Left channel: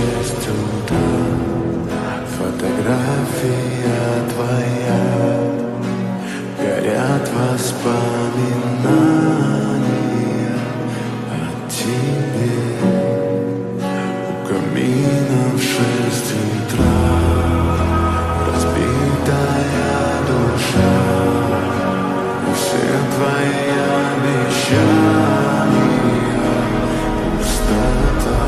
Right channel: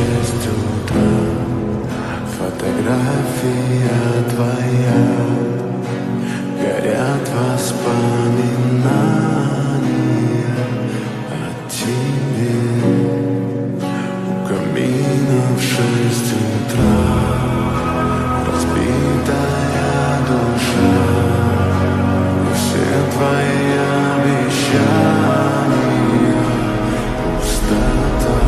6 утра. Фотография твоя, горят воспоминания о тебе. У камина в 6 утра разбитая душа, и все твои обещания пустота.